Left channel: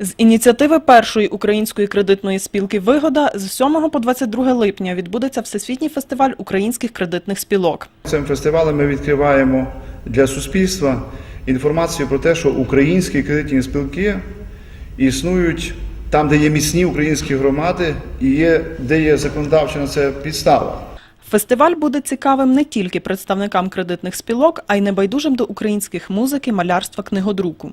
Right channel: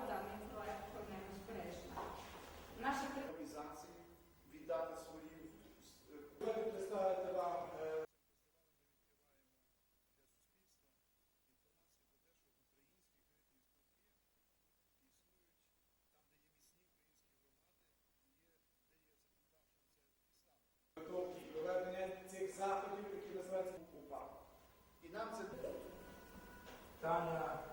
З ініціативи першої української кредитної спілки Вигода з 7 по 22 липня відбудеться всесвітній фестиваль українських кредитних спілок. Цим фестивалем ми відкриваємо для суспільства інформацію про те, що українські кредитні спілки існують там, де є міцні українські громади і є, де є законодавча на це підстава. Фестиваль буде цікавим не тільки представникам кредитних спілок, а й небайдужим до українських музики, малярства, книгодруку.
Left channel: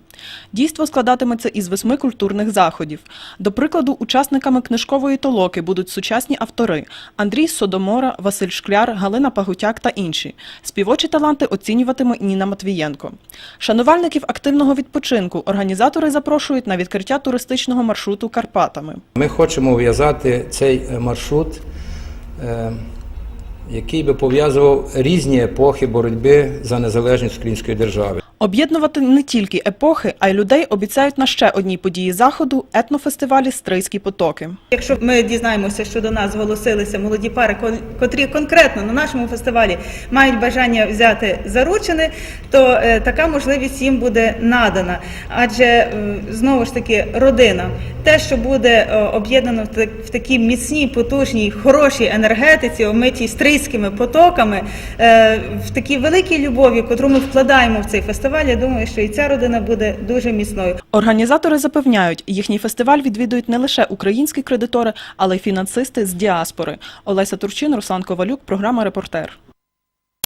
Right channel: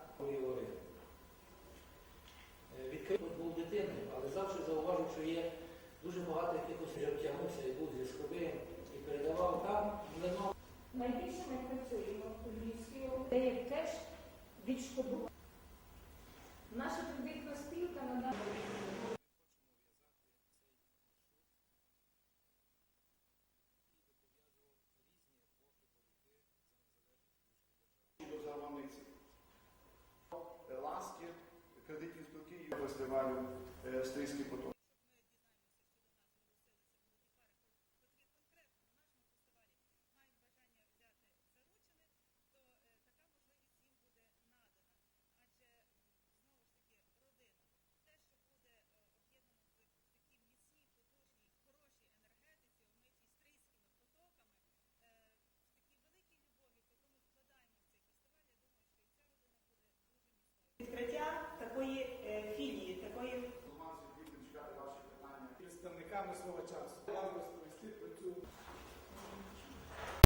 Дійство складатиметься із восьми культурних заходів. До прикладу, учасниками книжкової толоки будуть сучасні автори Андрій Содомора, Василь Шкляр, Галина Пагутяк та інші. Співочі таланти оцінюватиме Ніна Матвієнко. Шанувальників активного відпочинку організатори запрошують на відкриття туристичного маршруту Карпатами. Ми хочемо в'язати цей маршрут, е, який би пов'язував різні епохи боротьби за незалежність української держави. Об'єднувати не тільки епохи, а й людей обіцяють на ще одній події заходу етнофестивалі Стрийські потоки. Якщо ми дізнаємося, що до нас зголосилися молоді пари, котрі конкретно на нашому фестивалі мають бажання взяти заручини, то е, така можливість їм буде надана. Адже е, знову ж таки родина, те, що буде е, об'єднано в, так- в такій міцній, потужній, хорошій енергетиці, омитій стрийськими потоками, е, в такій великій любові, котру ми вкладаємо в цей фестиваль, я думаю, що і ця родина буде дуже міцною. Організатори запевняють, їхній фестиваль відвідують не лише українські кредитори, але й фінансисти з діаспори. Олеся Турчин, Руслан Ковалюк, програма Репортер.